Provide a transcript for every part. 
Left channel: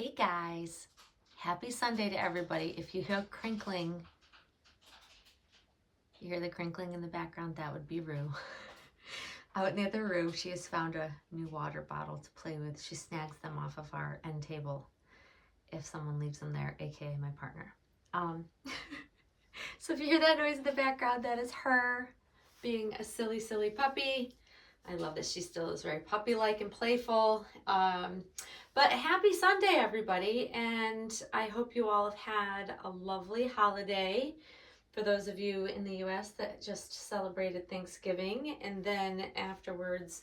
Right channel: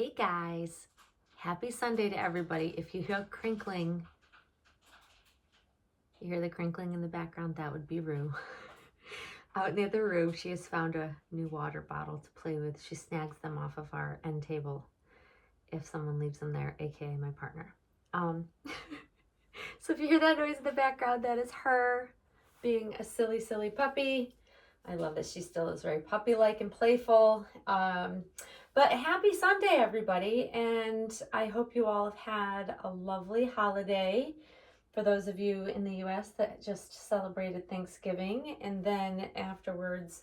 Hey guys, happy Sunday to everybody. If you hear crinkling, you hear the crinkling in the background, that would be Rue. Out near the roof, she has found a new water bottle to play with. She snags them off of our end table if someone leaves them there, aka my partner. So if you hear that noise in the background, that is her being a silly, silly puppy. I love that she still is very puppy-like and playful. But happy Sunday, everybody, and I hope you all have had a lovely holiday. For those of you in the US that just celebrated Thanksgiving, and then afterwards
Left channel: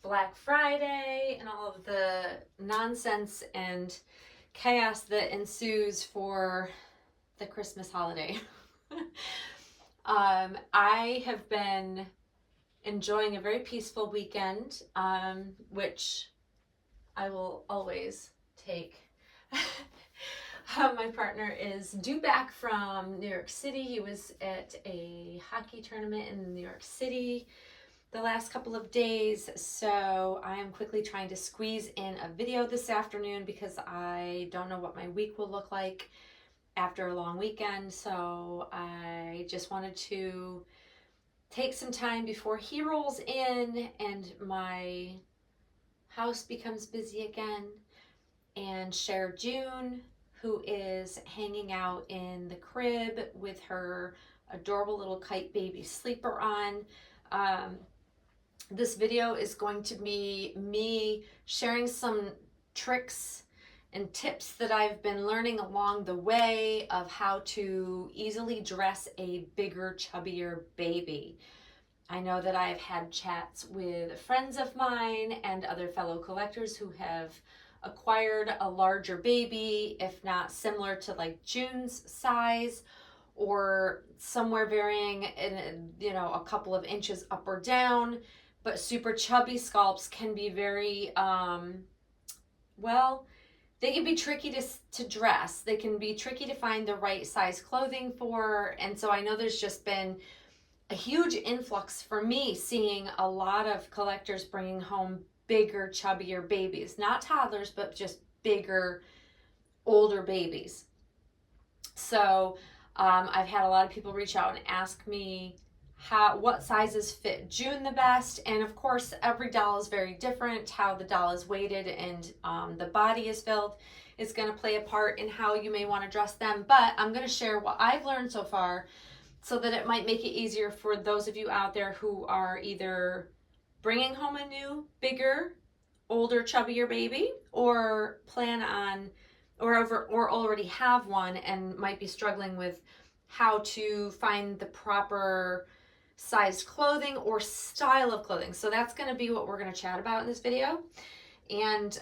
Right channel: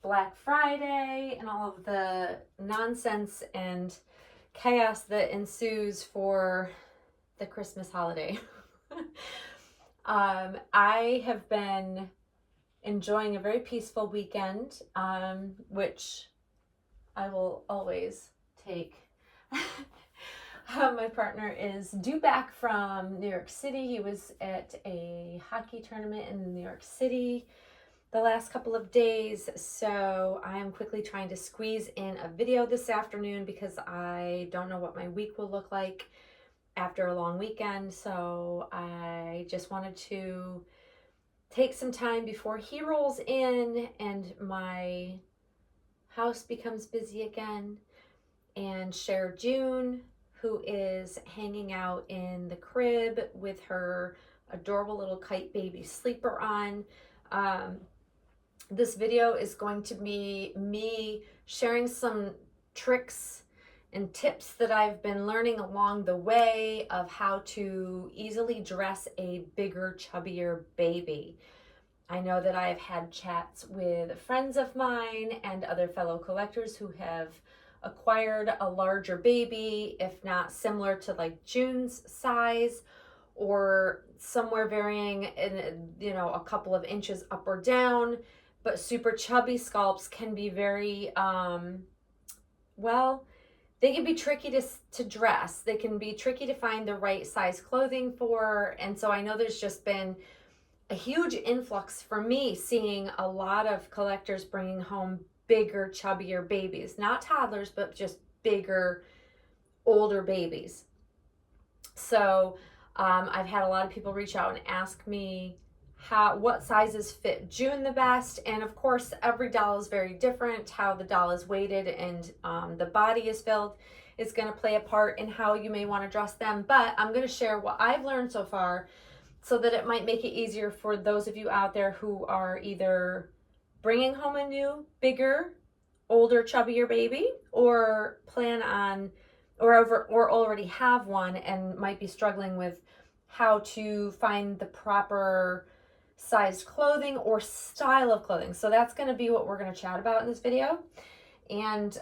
Black Friday and all of the nonsense and chaos that ensues for the Christmas holiday. I have been enjoying a very peaceful weekend, which I will always take. My partner is due back from New York City. He was at a hockey tournament in New York City the last couple of days, so I am quickly trying to squeeze in a video this afternoon because I don't know what my week will look like after a long weekend. So I just wanted to take some time before he rolls in and my house becomes busy again and share June, who is hanging out in the crib with her adorable little kite baby sleeper on. This video is going to be me sharing some tricks and tips that I've been learning along the way of how to easily dress a bigger, chubbier baby. I know that I've had chats with friends of mine and other fellow collectors who have acquired a larger baby, if not similar to like June's size, or somewhere varying in, a couple of inches up or down. But super chubby sculpts can be very, they can be tricky to dress. They can be tricky to find the right size clothing for. And so I know there's just been a huge influx for me seeing a lot of collectors bringing home bigger, chubbier babies, not toddlers, but just bigger, older babies. So I've had a lot of people reach out and ask me what sizes fit June the best. And of course, every doll is very different. How the doll is weighted and the body is filled is going to play a part in how you may want to dress them. But I'm going to share what I've learned so far so that it might make it easier for those of you out there who are either bringing home a new, bigger, older, chubbier baby, or plan on or already have one and might be struggling with how to find the proper sized clothing or style of clothing. So that's going to be what we're going to chat about in this video. And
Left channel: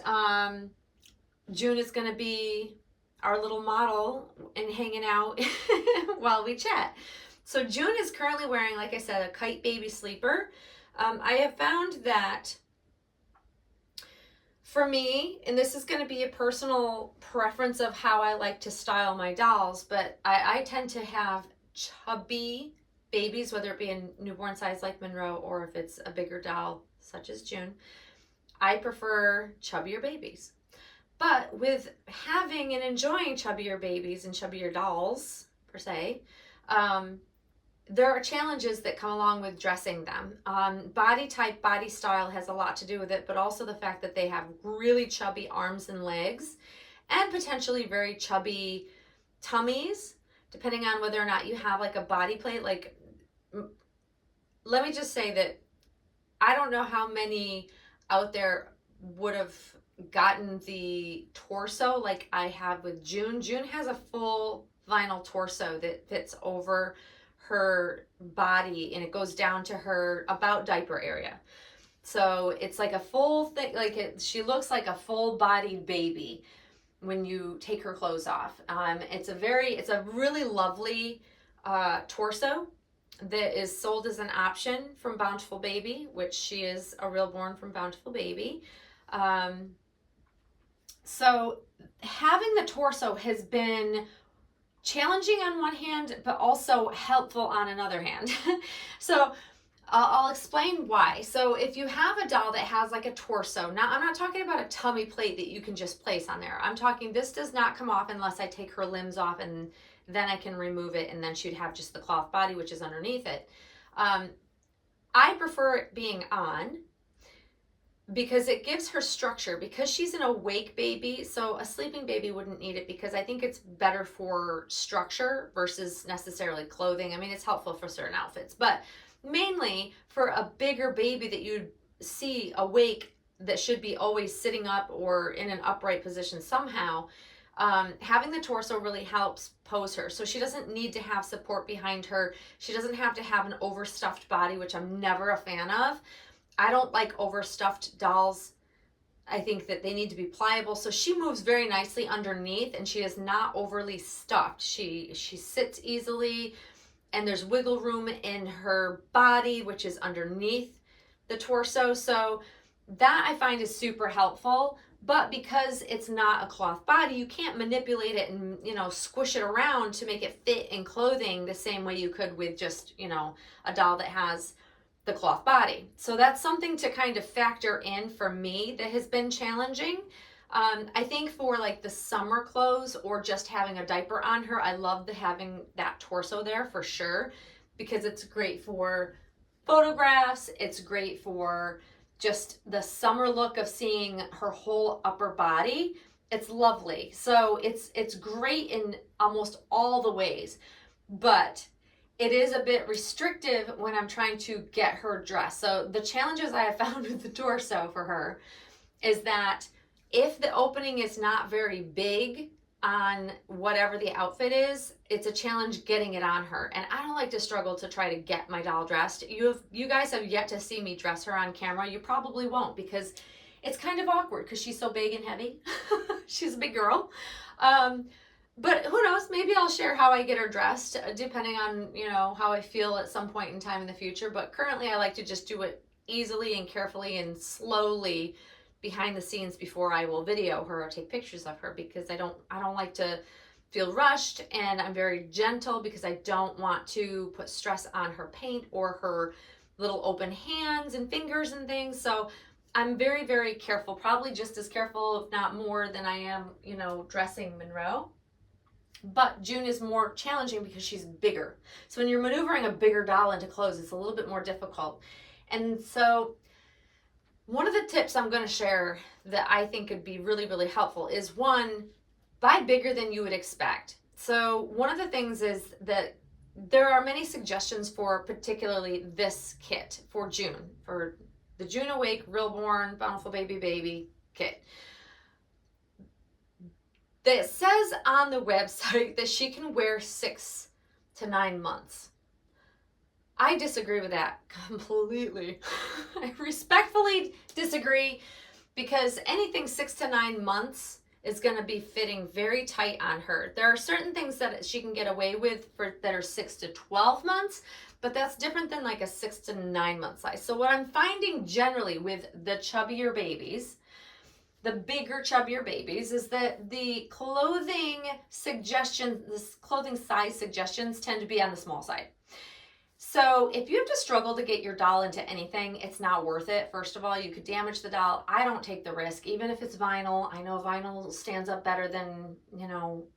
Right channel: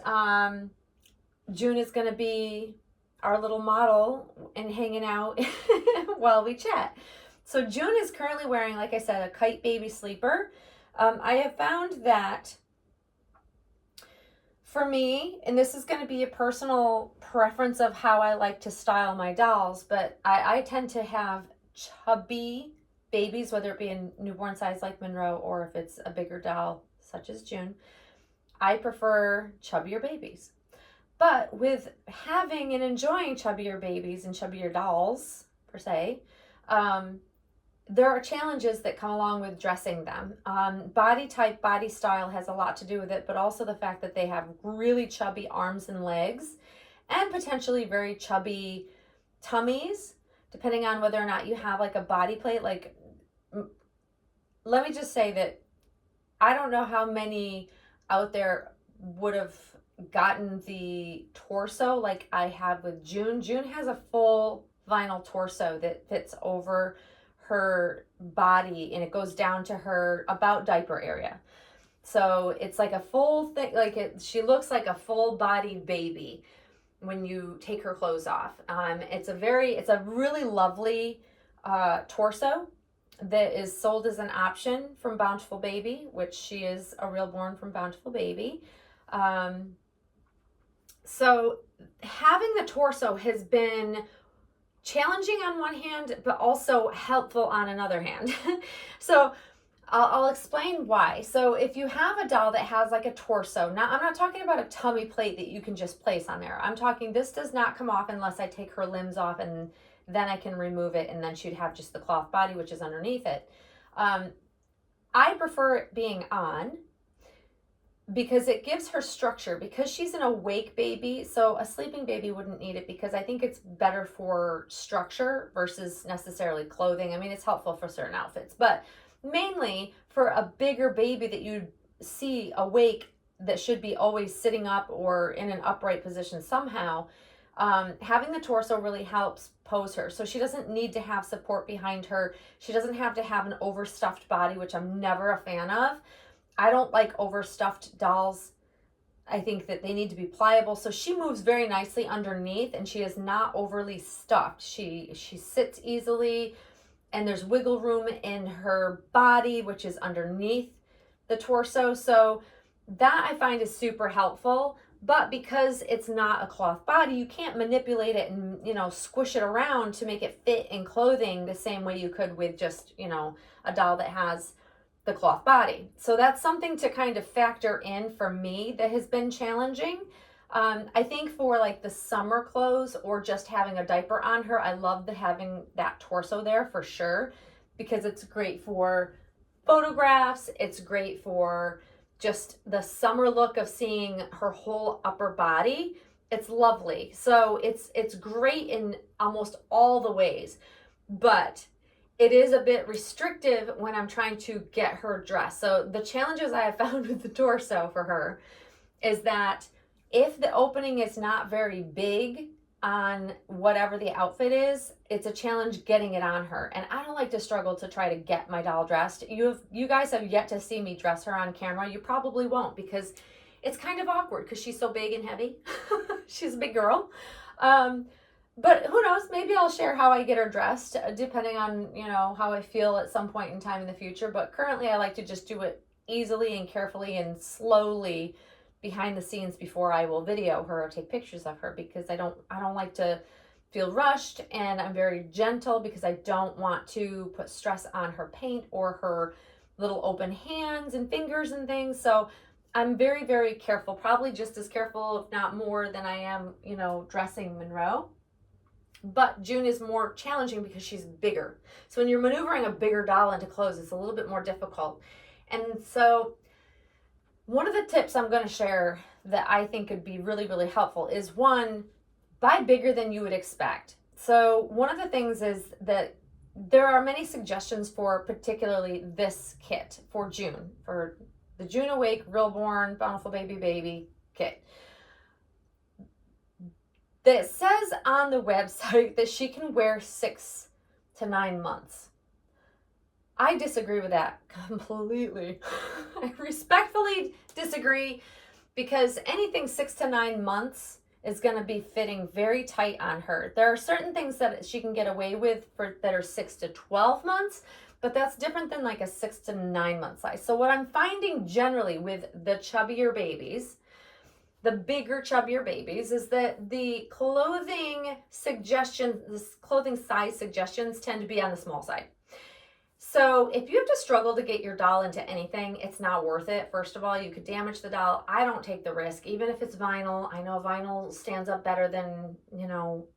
June is going to be our little model and hanging out while we chat. So June is currently wearing, like I said, a kite baby sleeper. I have found that for me, and this is going to be a personal preference of how I like to style my dolls, but I tend to have chubby babies, whether it be a newborn size like Monroe or if it's a bigger doll such as June. I prefer chubbier babies. But with having and enjoying chubbier babies and chubbier dolls, per se, there are challenges that come along with dressing them. Body type, body style has a lot to do with it, but also the fact that they have really chubby arms and legs and potentially very chubby tummies, depending on whether or not you have like a body plate. Like, let me just say that I don't know how many out there would have gotten the torso like I have with June. June has a full vinyl torso that fits over her body and it goes down to her about diaper area. So it's like a full thing, like she looks like a full-bodied baby when you take her clothes off. It's a really lovely torso that is sold as an option from Bountiful Baby, which she is a real born from Bountiful Baby. So having the torso has been challenging on one hand, but also helpful on another hand. So I'll explain why. So if you have a doll that has like a torso, now I'm not talking about a tummy plate that you can just place on there. I'm talking this does not come off unless I take her limbs off, and then I can remove it, and then she'd have just the cloth body, which is underneath it. I prefer it being on because it gives her structure, because she's an awake baby. So a sleeping baby wouldn't need it, because I think it's better for structure versus necessarily clothing. I mean, it's helpful for certain outfits, but mainly for a bigger baby that you'd see awake, that should be always sitting up or in an upright position somehow. Having the torso really helps pose her, so she doesn't need to have support behind her. She doesn't have to have an overstuffed body, which I'm never a fan of. I don't like overstuffed dolls. I think that they need to be pliable. So she moves very nicely underneath, and she is not overly stuffed. She sits easily, and there's wiggle room in her body, which is underneath the torso. So that I find is super helpful. But because it's not a cloth body, you can't manipulate it and, squish it around to make it fit in clothing the same way you could with just, a doll that has the cloth body. So that's something to kind of factor in for me that has been challenging. I think for like the summer clothes or just having a diaper on her, I love having that torso there for sure, because it's great for photographs. It's great for just the summer look of seeing her whole upper body. It's lovely. So it's great in almost all the ways, but it is a bit restrictive when I'm trying to get her dressed. So the challenges I have found with the torso for her is that if the opening is not very big on whatever the outfit is, it's a challenge getting it on her. And I don't like to struggle to try to get my doll dressed. You guys have yet to see me dress her on camera. You probably won't, because it's kind of awkward because she's so big and heavy. She's a big girl. But who knows, maybe I'll share how I get her dressed, depending on, how I feel at some point in time in the future. But currently I like to just do it easily and carefully and slowly behind the scenes before I will video her or take pictures of her, because I don't like to feel rushed, and I'm very gentle because I don't want to put stress on her paint or her little open hands and fingers and things. So I'm very, very careful, probably just as careful, if not more, than I am, dressing Monroe. But June is more challenging because she's bigger. So when you're maneuvering a bigger doll into clothes, it's a little bit more difficult. And so one of the tips I'm going to share that I think could be really, really helpful is, one, buy bigger than you would expect. So one of the things is that there are many suggestions for particularly this kit for June, for the June Awake Realborn Bountiful Baby kit. That says on the website that she can wear 6 to 9 months. I disagree with that completely. I respectfully disagree, because anything 6 to 9 months is going to be fitting very tight on her. There are certain things that she can get away with that are 6 to 12 months, but that's different than like a 6 to 9 month size. So what I'm finding generally with the chubbier babies, the bigger, chubbier babies, is that the clothing size suggestions tend to be on the small side. So if you have to struggle to get your doll into anything, it's not worth it. First of all, you could damage the doll. I don't take the risk, even if it's vinyl. I know vinyl stands up better than,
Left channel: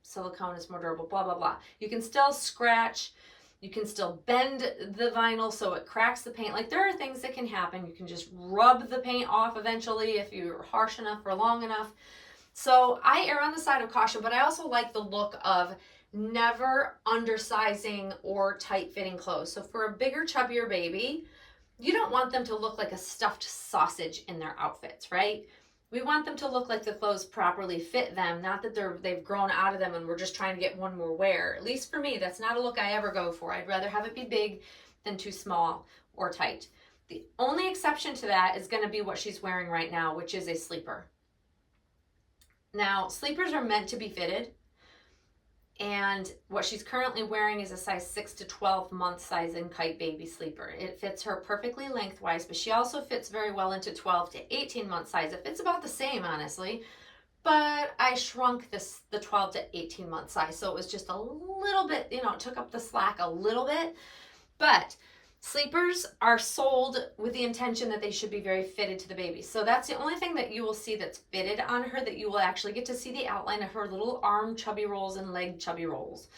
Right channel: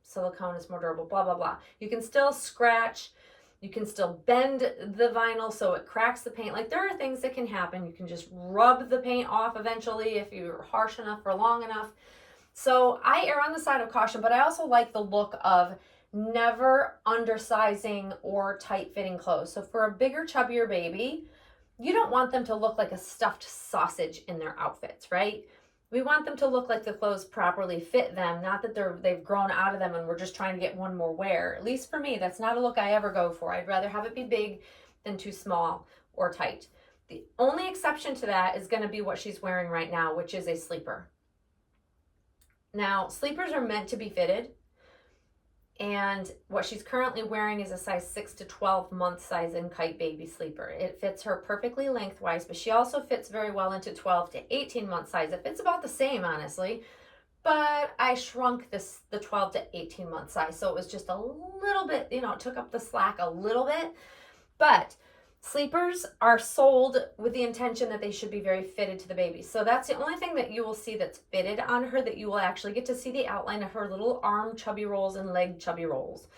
silicone is more durable, blah, blah, blah. You can still scratch. You can still bend the vinyl so it cracks the paint. Like, there are things that can happen. You can just rub the paint off eventually if you're harsh enough for long enough. So I err on the side of caution, but I also like the look of never undersizing or tight-fitting clothes. So for a bigger, chubbier baby, you don't want them to look like a stuffed sausage in their outfits, right? We want them to look like the clothes properly fit them, not that they've grown out of them and we're just trying to get one more wear. At least for me, that's not a look I ever go for. I'd rather have it be big than too small or tight. The only exception to that is going to be what she's wearing right now, which is a sleeper. Now, sleepers are meant to be fitted, and what she's currently wearing is a size 6 to 12 month size in Kite Baby sleeper. It fits her perfectly lengthwise, but she also fits very well into 12 to 18 month size. It fits about the same, honestly, but I shrunk the 12 to 18 month size, so it was just a little bit, it took up the slack a little bit. But Sleepers are sold with the intention that they should be very fitted to the baby. So that's the only thing that you will see that's fitted on her, that you will actually get to see the outline of her little arm chubby rolls and leg chubby rolls.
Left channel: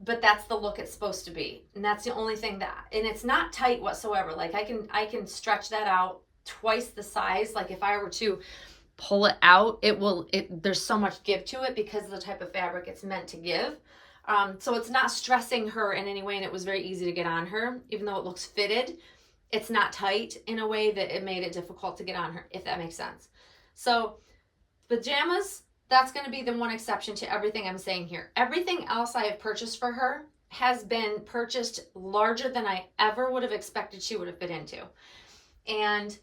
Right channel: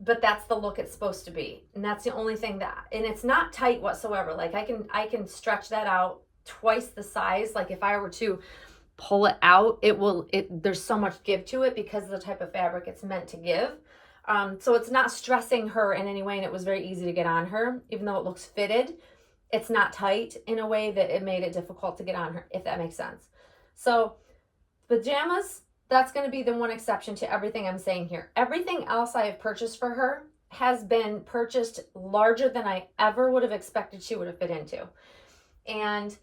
But that's the look it's supposed to be. And that's the only thing that, and it's not tight whatsoever. Like I can stretch that out twice the size. Like if I were to pull it out, there's so much give to it because of the type of fabric it's meant to give. So it's not stressing her in any way, and it was very easy to get on her. Even though it looks fitted, it's not tight in a way that it made it difficult to get on her, if that makes sense. So pajamas, that's going to be the one exception to everything I'm saying here. Everything else I have purchased for her has been purchased larger than I ever would have expected she would have fit into. And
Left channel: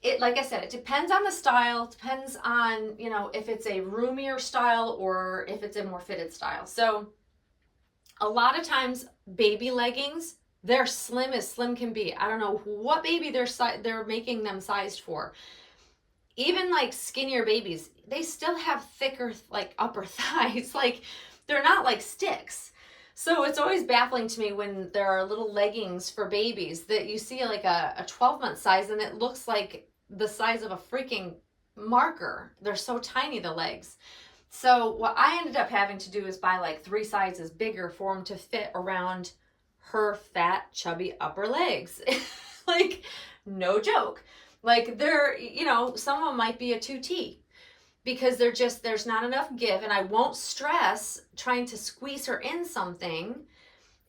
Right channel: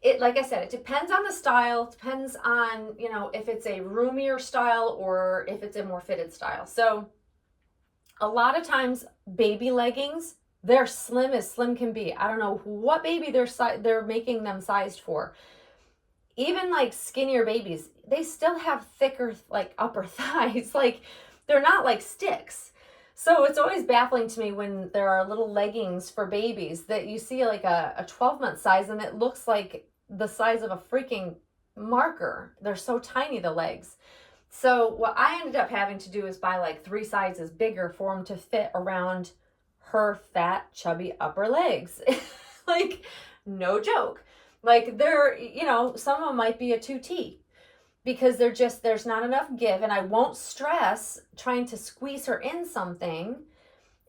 it, like I said, it depends on the style, depends on, you know, if it's a roomier style or if it's a more fitted style. So a lot of times baby leggings, they're slim as slim can be. I don't know what baby they're making them sized for. Even like skinnier babies, they still have thicker like upper thighs. Like they're not like sticks. So it's always baffling to me when there are little leggings for babies that you see like a 12-month size and it looks like the size of a freaking marker. They're so tiny, the legs. So what I ended up having to do is buy like 3 sizes bigger for them to fit around her fat, chubby upper legs. Like, no joke. Like they're, you know, some of them might be a 2T because there's not enough give, and I won't stress trying to squeeze her in something.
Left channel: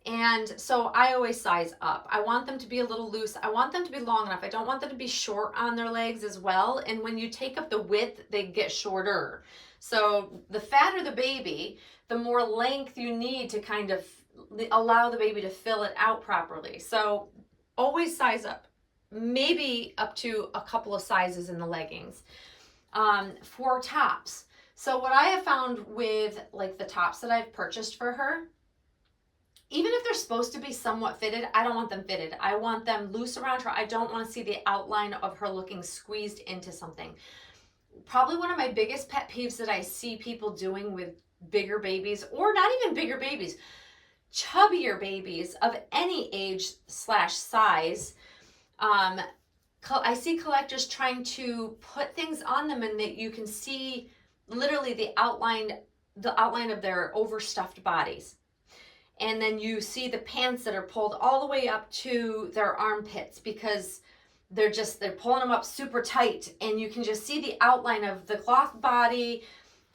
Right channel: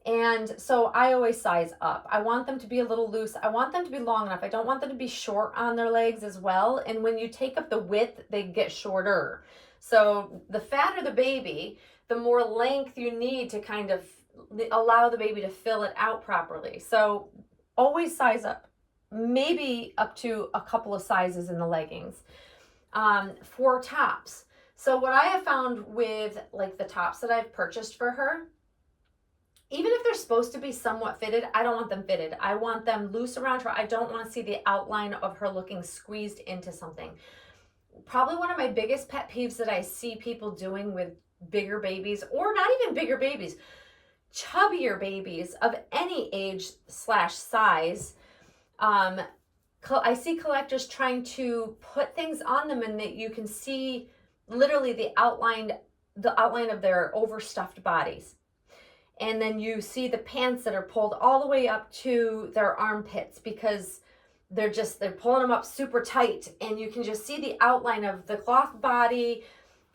And so I always size up. I want them to be a little loose. I want them to be long enough. I don't want them to be short on their legs as well. And when you take up the width, they get shorter. So the fatter the baby, the more length you need to kind of allow the baby to fill it out properly. So always size up, maybe up to a couple of sizes in the leggings. For tops. So what I have found with like the tops that I've purchased for her, even if they're supposed to be somewhat fitted, I don't want them fitted. I want them loose around her. I don't want to see the outline of her looking squeezed into something. Probably one of my biggest pet peeves that I see people doing with bigger babies, or not even bigger babies, chubbier babies of any age slash size. I see collectors trying to put things on them and that you can see literally the outline of their overstuffed bodies. And then you see the pants that are pulled all the way up to their armpits because they're pulling them up super tight, and you can just see the outline of the cloth body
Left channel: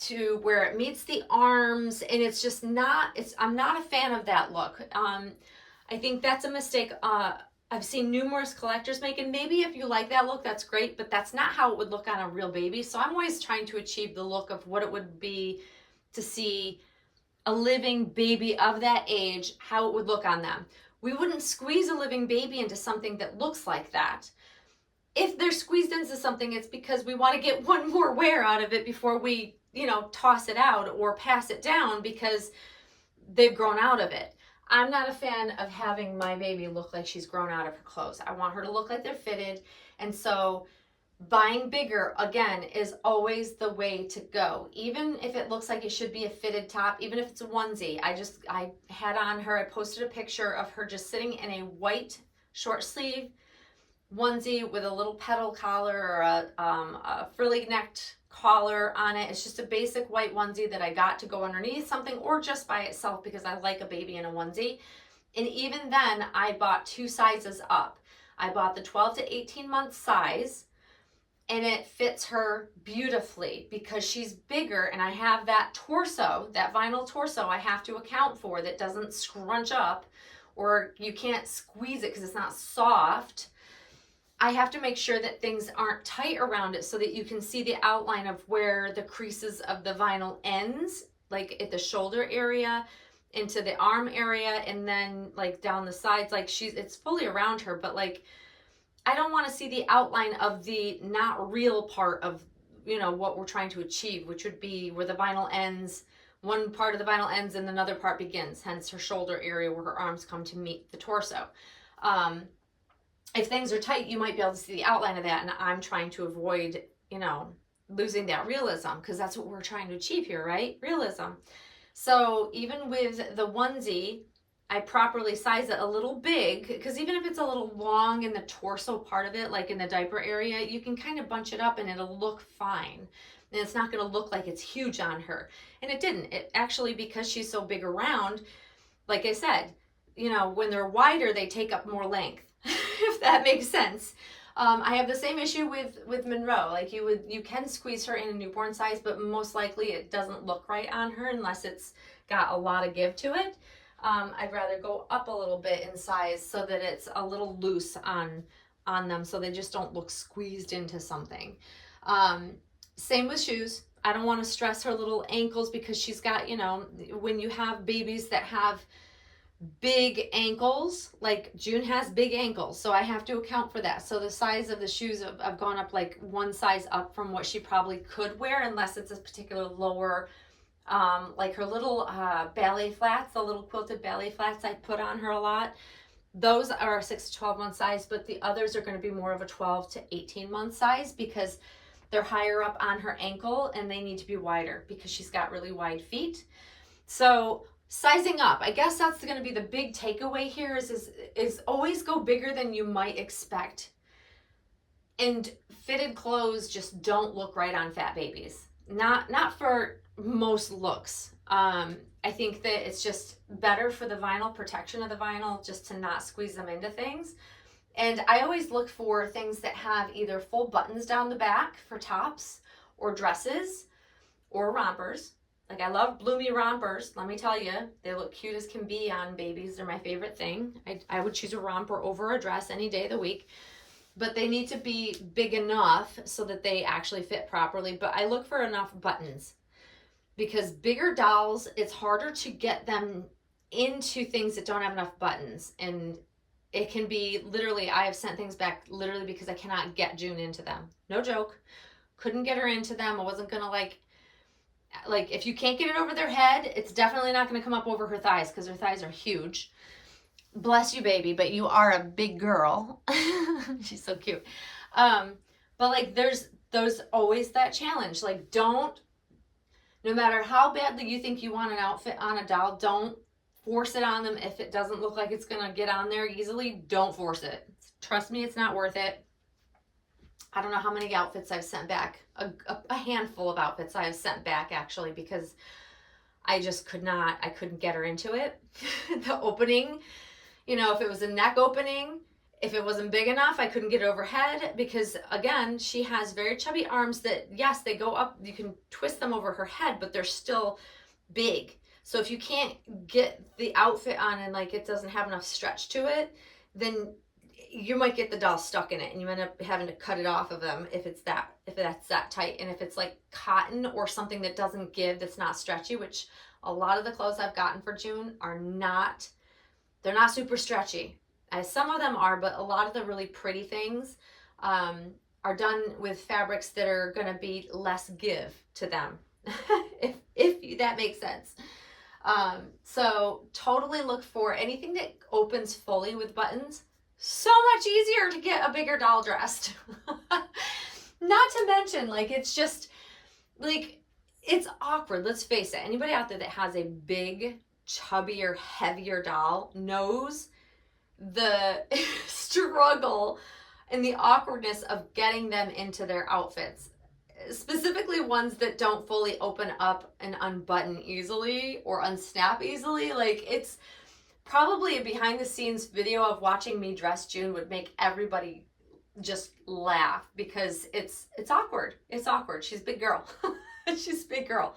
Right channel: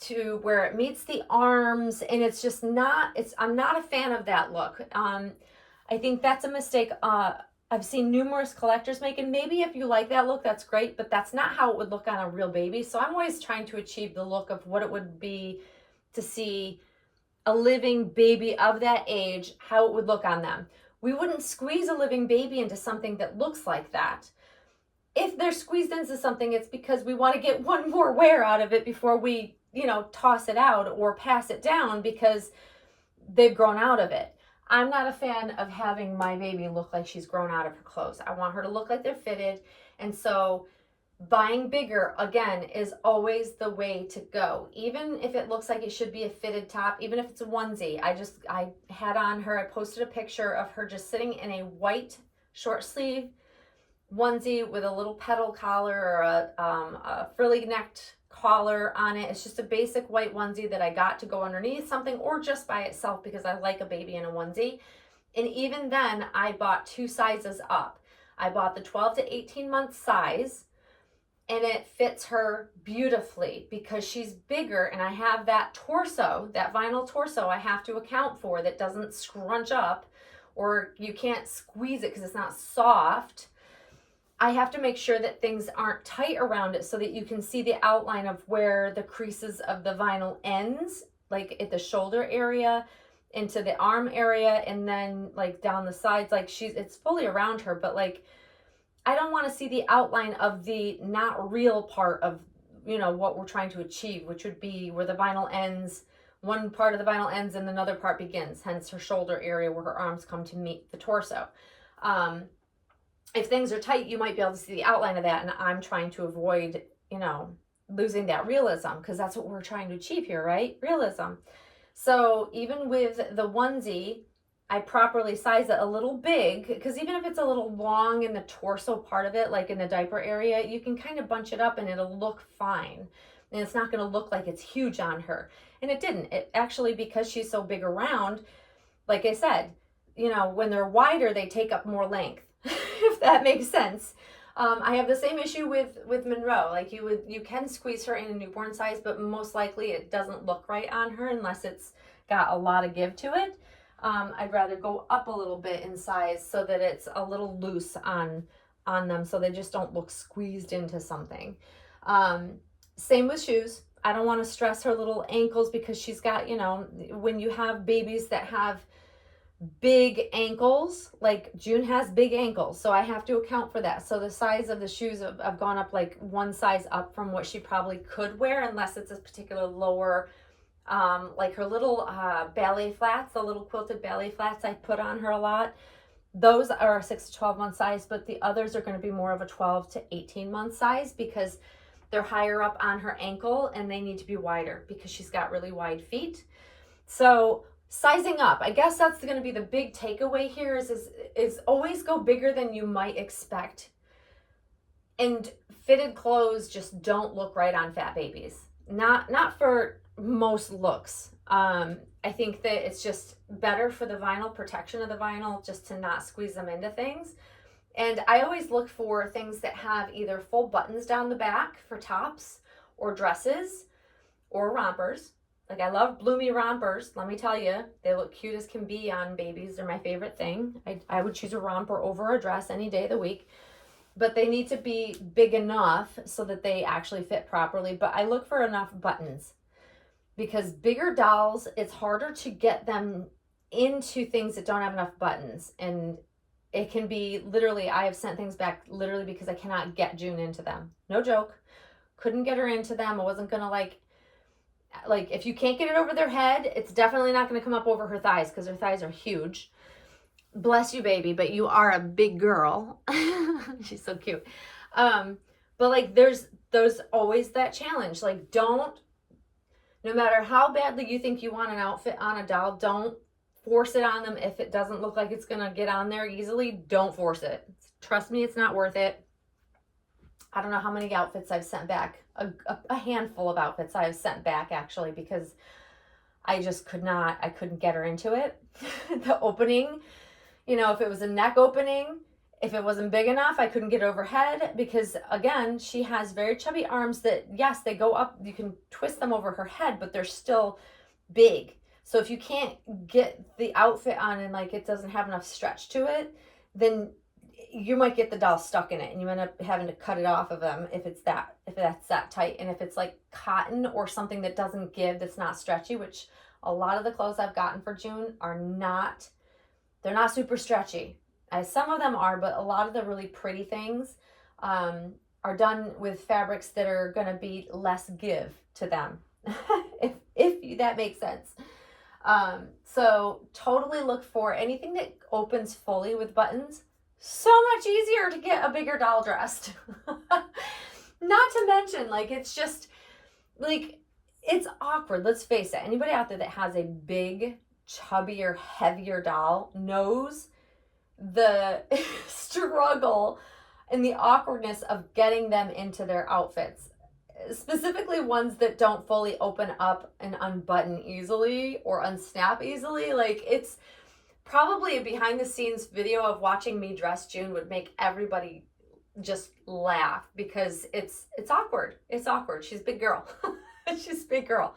to where it meets the arms, and it's just not, I'm not a fan of that look. I think that's a mistake. I've seen numerous collectors make, and maybe if you like that look, that's great, but that's not how it would look on a real baby. So I'm always trying to achieve the look of what it would be to see a living baby of that age, how it would look on them. We wouldn't squeeze a living baby into something that looks like that. If they're squeezed into something, it's because we want to get one more wear out of it before we, you know, toss it out or pass it down because they've grown out of it. I'm not a fan of having my baby look like she's grown out of her clothes. I want her to look like they're fitted. And so buying bigger, again, is always the way to go. Even if it looks like it should be a fitted top, even if it's a onesie. I had on her, I posted a picture of her just sitting in a white short sleeve onesie with a little petal collar or a frilly necked collar on it. It's just a basic white onesie that I got to go underneath something or just by itself because I like a baby in a onesie. And even then, I bought 2 sizes up. I bought the 12 to 18 month size, and it fits her beautifully because she's bigger, and I have that torso, that vinyl torso I have to account for that doesn't scrunch up, or you can't squeeze it because it's not soft. I have to make sure that things aren't tight around it so that you can see the outline of where the creases of the vinyl ends, like at the shoulder area, into the arm area, and then like down the sides. Like it's fully around her, but like I don't want to see the outline of the not real part of, you know, what we're trying to achieve, which would be where the vinyl ends, one part of the vinyl ends and another part begins, hence her shoulder area where her arms come to meet the torso. If things are tight, you might be able to see the outline of that, and I'm trying to avoid, you know, losing that realism, because that's what we're trying to achieve here, right? Realism. So even with the onesie, I properly size it a little big, because even if it's a little long in the torso part of it, like in the diaper area, you can kind of bunch it up and it'll look fine. And it's not going to look like it's huge on her. And it didn't. It actually, because she's so big around, like I said, you know, when they're wider, they take up more length, if that makes sense. I have the same issue with Monroe. Like you can squeeze her in a newborn size, but most likely it doesn't look right on her unless it's got a lot of give to it. I'd rather go up a little bit in size so that it's a little loose on them, so they just don't look squeezed into something. Same with shoes. I don't want to stress her little ankles, because she's got, you know, when you have babies that have big ankles, like June has big ankles, so I have to account for that. So the size of the shoes have gone up like one size up from what she probably could wear, unless it's a particular lower, like her little ballet flats, the little quilted ballet flats I put on her a lot. Those are a 6 to 12 month size, but the others are going to be more of a 12 to 18 month size, because they're higher up on her ankle and they need to be wider because she's got really wide feet. So sizing up, I guess that's going to be the big takeaway here is always go bigger than you might expect. And fitted clothes just don't look right on fat babies. Not for most looks. I think that it's just better for the vinyl, protection of the vinyl, just to not squeeze them into things. And I always look for things that have either full buttons down the back for tops or dresses or rompers. Like, I love bloomy rompers. Let me tell you, they look cute as can be on babies. They're my favorite thing. I would choose a romper over a dress any day of the week. But they need to be big enough so that they actually fit properly. But I look for enough buttons, because bigger dolls, it's harder to get them into things that don't have enough buttons. And it can be literally, I have sent things back literally because I cannot get June into them. No joke. Couldn't get her into them. I wasn't going to like if you can't get it over their head, it's definitely not going to come up over her thighs, because her thighs are huge. Bless you, baby, but you are a big girl. She's so cute. But like there's always that challenge. Like, no matter how badly you think you want an outfit on a doll, don't force it on them. If it doesn't look like it's going to get on there easily, don't force it. Trust me, it's not worth it. I don't know how many outfits I've sent back. A handful of outfits I've sent back, actually, because I just couldn't get her into it. The opening, you know, if it was a neck opening, if it wasn't big enough, I couldn't get overhead, because again, she has very chubby arms that, yes, they go up, you can twist them over her head, but they're still big. So if you can't get the outfit on and like it doesn't have enough stretch to it, then you might get the doll stuck in it and you end up having to cut it off of them if that's that tight. And if it's like cotton or something that doesn't give, that's not stretchy, which a lot of the clothes I've gotten for June are not, they're not super stretchy. Some of them are, but a lot of the really pretty things are done with fabrics that are going to be less give to them, if that makes sense. So totally look for anything that opens fully with buttons. So much easier to get a bigger doll dressed. Not to mention, like, it's just, like, it's awkward. Let's face it. Anybody out there that has a big, chubbier, heavier doll knows the struggle and the awkwardness of getting them into their outfits. Specifically ones that don't fully open up and unbutton easily or unsnap easily. Like, it's probably a behind the scenes video of watching me dress June would make everybody just laugh, because it's awkward. It's awkward. She's a big girl. She's a big girl.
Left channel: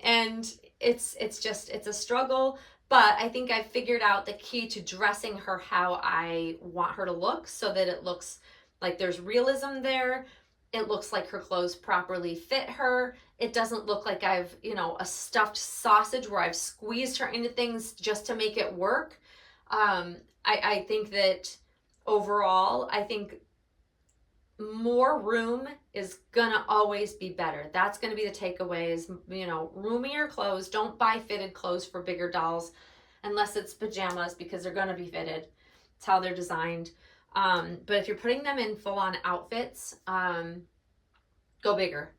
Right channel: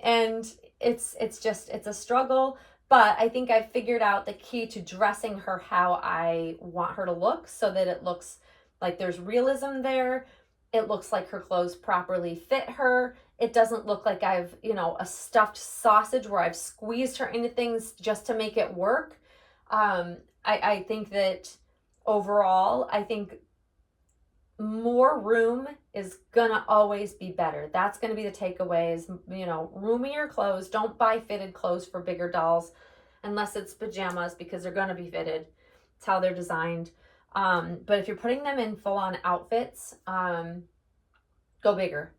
And it's a struggle, but I think I've figured out the key to dressing her how I want her to look, so that it looks like there's realism there. It looks like her clothes properly fit her. It doesn't look like I've, you know, a stuffed sausage where I've squeezed her into things just to make it work. I think that overall, I think more room is gonna always be better. That's gonna be the takeaway is, you know, roomier clothes. Don't buy fitted clothes for bigger dolls unless it's pajamas, because they're gonna be fitted. It's how they're designed. But if you're putting them in full-on outfits, go bigger.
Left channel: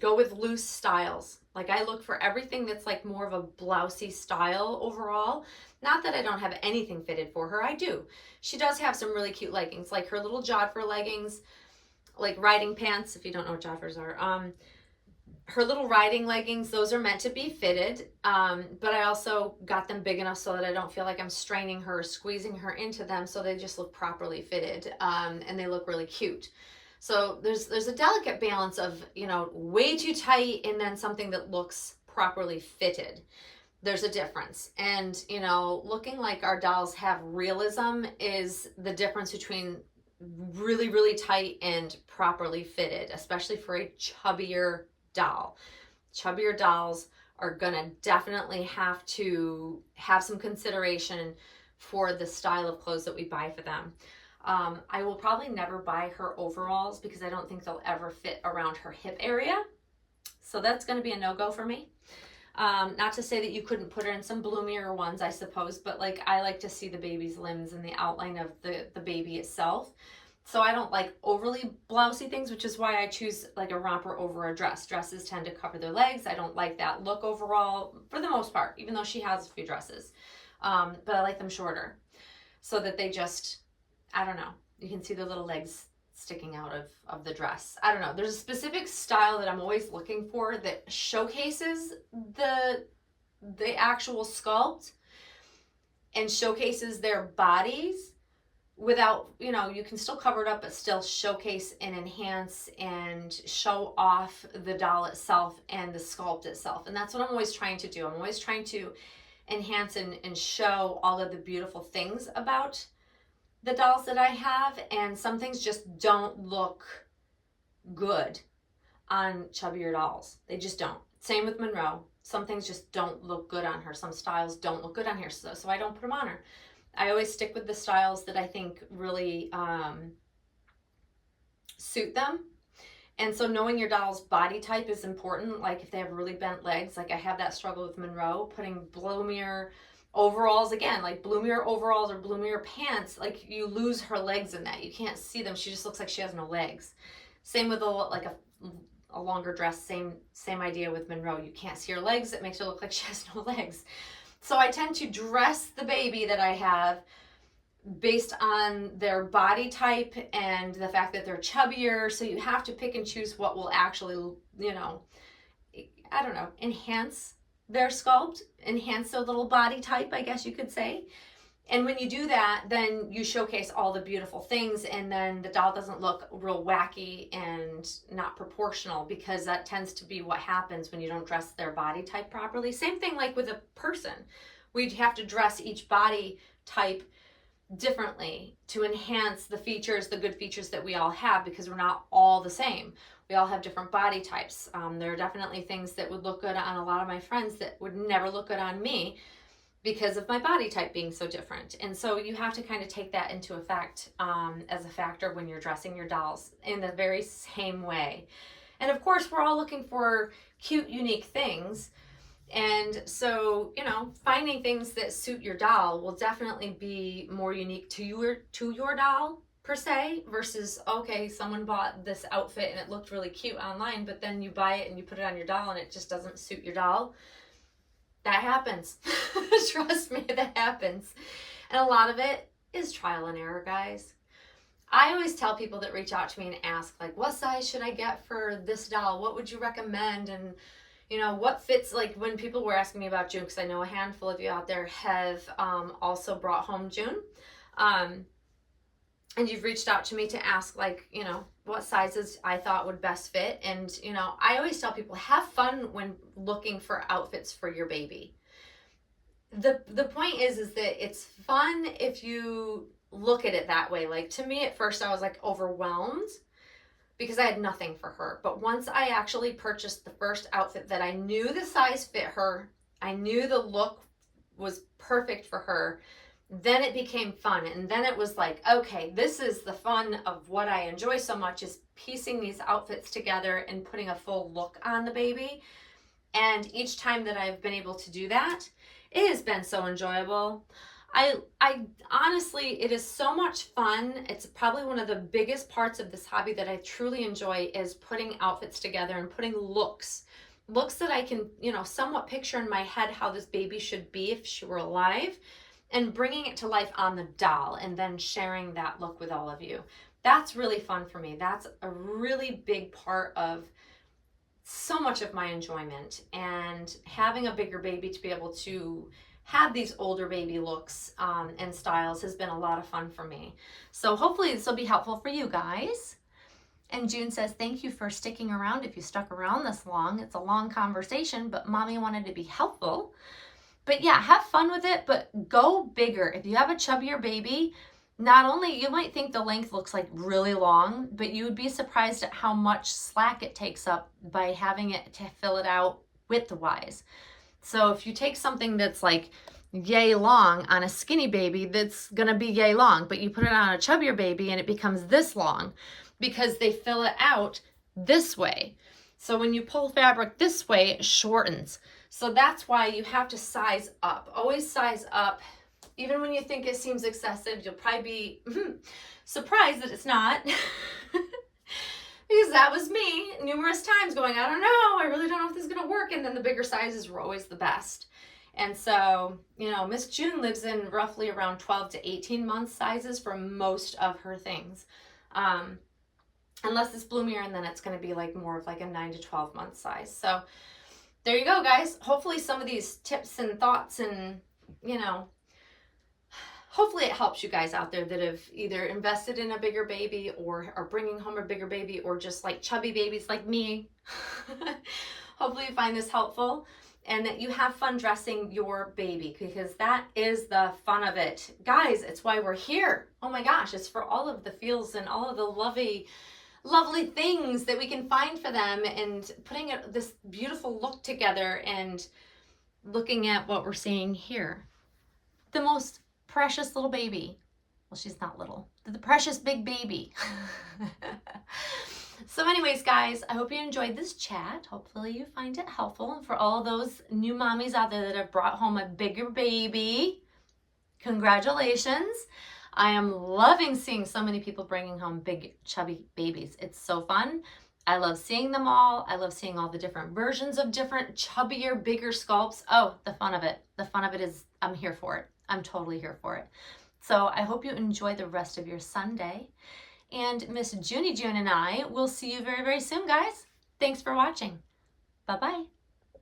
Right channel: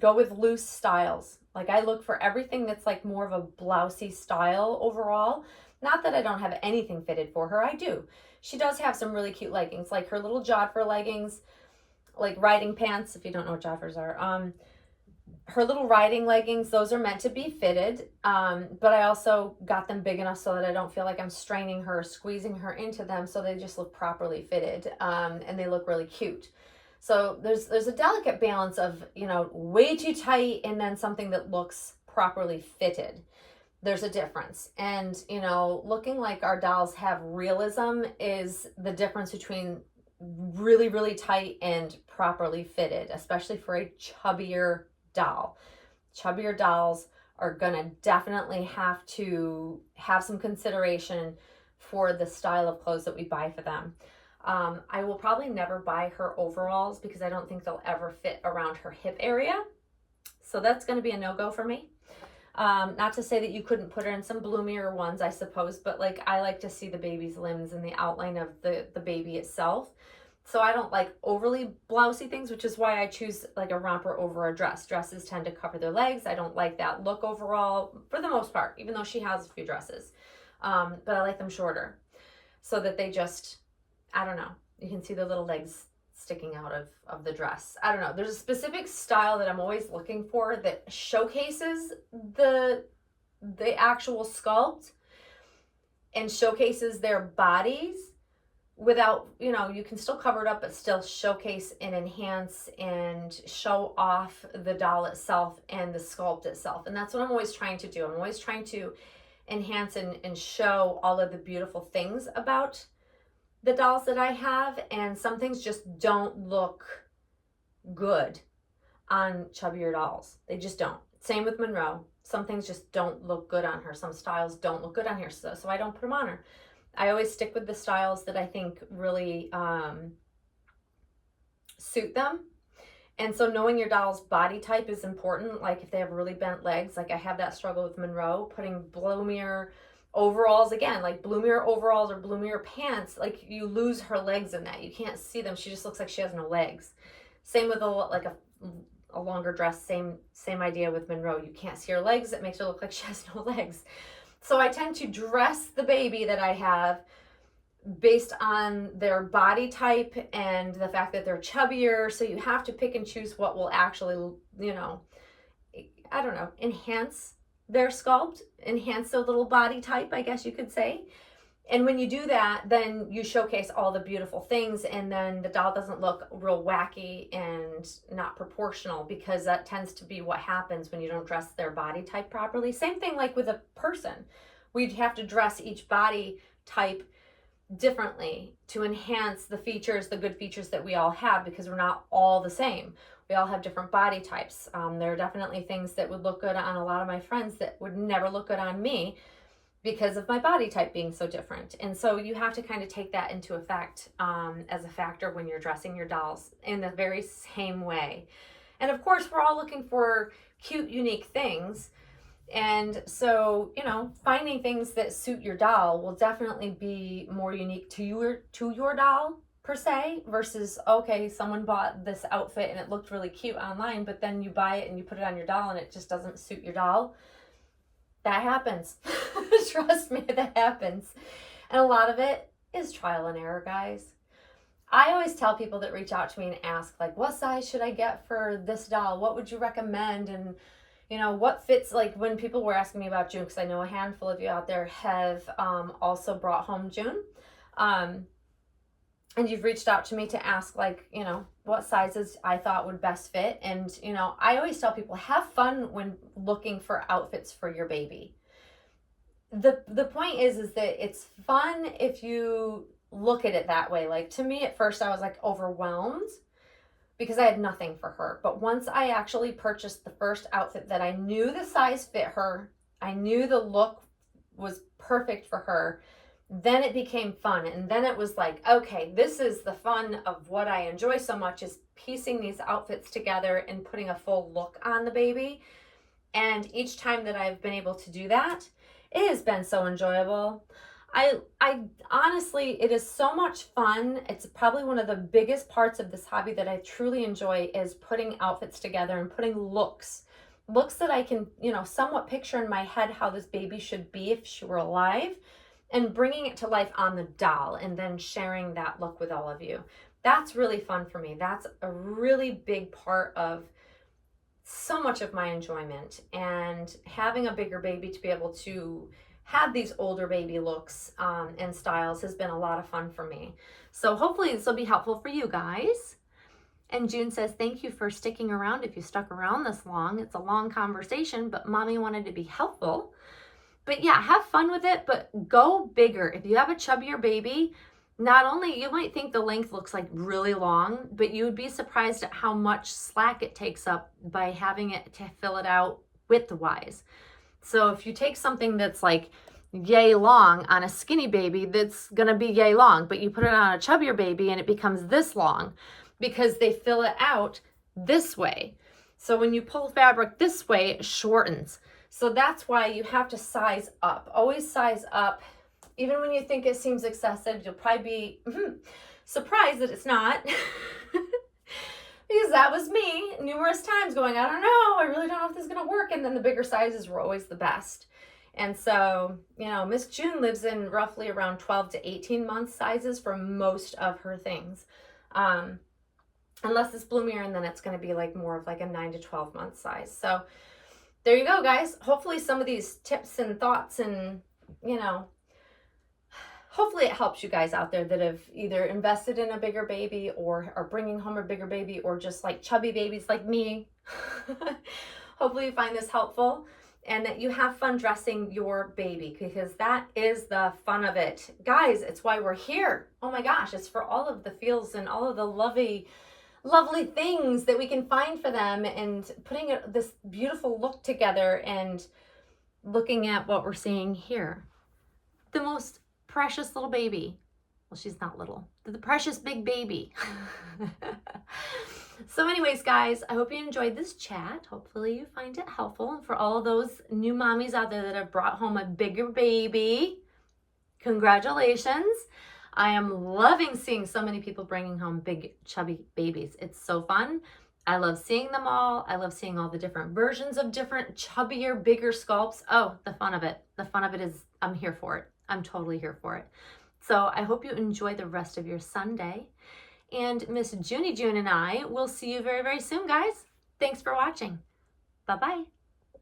Go with loose styles. Like I look for everything that's like more of a blousey style overall. Not that I don't have anything fitted for her, I do. She does have some really cute leggings, like her little jodhpur leggings, like riding pants, if you don't know what jodhpurs are. Her little riding leggings, those are meant to be fitted, but I also got them big enough so that I don't feel like I'm straining her or squeezing her into them, so they just look properly fitted, and they look really cute. So there's a delicate balance of, you know, way too tight and then something that looks properly fitted. There's a difference. And, you know, looking like our dolls have realism is the difference between really, really tight and properly fitted, especially for a chubbier doll. Chubbier dolls are gonna definitely have to have some consideration for the style of clothes that we buy for them. I will probably never buy her overalls because I don't think they'll ever fit around her hip area. So that's gonna be a no-go for me. Not to say that you couldn't put her in some bloomier ones, I suppose, but like I like to see the baby's limbs and the outline of the baby itself. So I don't like overly blousy things, which is why I choose like a romper over a dress. Dresses tend to cover their legs. I don't like that look overall for the most part, even though she has a few dresses. But I like them shorter so that they just, I don't know, you can see the little legs sticking out of the dress. I don't know. There's a specific style that I'm always looking for that showcases the actual sculpt and showcases their bodies without, you know, you can still cover it up, but still showcase and enhance and show off the doll itself and the sculpt itself. And that's what I'm always trying to do. I'm always trying to enhance and show all of the beautiful things about the dolls that I have. And some things just don't look good on chubbier dolls. They just don't. Same with Monroe. Some things just don't look good on her. Some styles don't look good on her. So I don't put them on her. I always stick with the styles that I think really suit them. And so knowing your doll's body type is important. Like if they have really bent legs, like I have that struggle with Monroe, putting bloomier overalls, again, like bloomier overalls or bloomier pants, like you lose her legs in that. You can't see them. She just looks like she has no legs. Same with a longer dress, same idea with Monroe. You can't see her legs. It makes her look like she has no legs. So I tend to dress the baby that I have based on their body type and the fact that they're chubbier. So you have to pick and choose what will actually, you know, I don't know, enhance their sculpt, enhance their little body type, I guess you could say. And when you do that, then you showcase all the beautiful things, and then the doll doesn't look real wacky and not proportional, because that tends to be what happens when you don't dress their body type properly. Same thing like with a person. We'd have to dress each body type differently to enhance the features, the good features that we all have, because we're not all the same. We all have different body types. There are definitely things that would look good on a lot of my friends that would never look good on me, because of my body type being so different. And so you have to kind of take that into effect as a factor when you're dressing your dolls in the very same way. And of course, we're all looking for cute, unique things. And so, you know, finding things that suit your doll will definitely be more unique to your doll per se, versus, okay, someone bought this outfit and it looked really cute online, but then you buy it and you put it on your doll and it just doesn't suit your doll. That happens. Trust me, that happens. And a lot of it is trial and error, guys. I always tell people that reach out to me and ask, like, what size should I get for this doll? What would you recommend? And, you know, what fits, like when people were asking me about June, because I know a handful of you out there have also brought home June. And you've reached out to me to ask, like, you know, what sizes I thought would best fit. And, you know, I always tell people, have fun when looking for outfits for your baby. The point is that it's fun if you look at it that way. Like, to me, at first, I was like overwhelmed because I had nothing for her. But once I actually purchased the first outfit that I knew the size fit her, I knew the look was perfect for her, then it became fun. And then it was like, okay, this is the fun of what I enjoy so much, is piecing these outfits together and putting a full look on the baby. And each time that I've been able to do that, it has been so enjoyable. I honestly, it is so much fun. It's probably one of the biggest parts of this hobby that I truly enjoy, is putting outfits together and putting looks looks that I can, you know, somewhat picture in my head how this baby should be if she were alive, and bringing it to life on the doll and then sharing that look with all of you. That's really fun for me. That's a really big part of so much of my enjoyment, and having a bigger baby to be able to have these older baby looks and styles has been a lot of fun for me. So hopefully this will be helpful for you guys. And June says, thank you for sticking around if you stuck around this long. It's a long conversation, but mommy wanted to be helpful. But yeah, have fun with it, but go bigger. If you have a chubbier baby, not only you might think the length looks like really long, but you would be surprised at how much slack it takes up by having it to fill it out width-wise. So if you take something that's like yay long on a skinny baby, that's gonna be yay long, but you put it on a chubbier baby and it becomes this long because they fill it out this way. So when you pull fabric this way, it shortens. So that's why you have to size up. Always size up. Even when you think it seems excessive, you'll probably be surprised that it's not. Because that was me numerous times going, I don't know, I really don't know if this is going to work. And then the bigger sizes were always the best. And so, you know, Miss June lives in roughly around 12 to 18 month sizes for most of her things. Unless it's bloomier, and then it's going to be like more of like a 9 to 12 month size. So there you go, guys. Hopefully some of these tips and thoughts and, you know, hopefully it helps you guys out there that have either invested in a bigger baby or are bringing home a bigger baby, or just like chubby babies like me. Hopefully you find this helpful and that you have fun dressing your baby, because that is the fun of it. Guys, it's why we're here. Oh my gosh, it's for all of the feels and all of the lovely things that we can find for them, and putting this beautiful look together and looking at what we're seeing here. The most precious little baby. Well, she's not little. The precious big baby. So anyways, guys, I hope you enjoyed this chat. Hopefully you find it helpful. And for all those new mommies out there that have brought home a bigger baby, congratulations. I am loving seeing so many people bringing home big chubby babies. It's so fun. I love seeing them all. I love seeing all the different versions of different chubbier, bigger sculpts. Oh, the fun of it. The fun of it is I'm here for it. I'm totally here for it. So I hope you enjoy the rest of your Sunday. And Miss Junie June and I will see you very, very soon, guys. Thanks for watching. Bye-bye.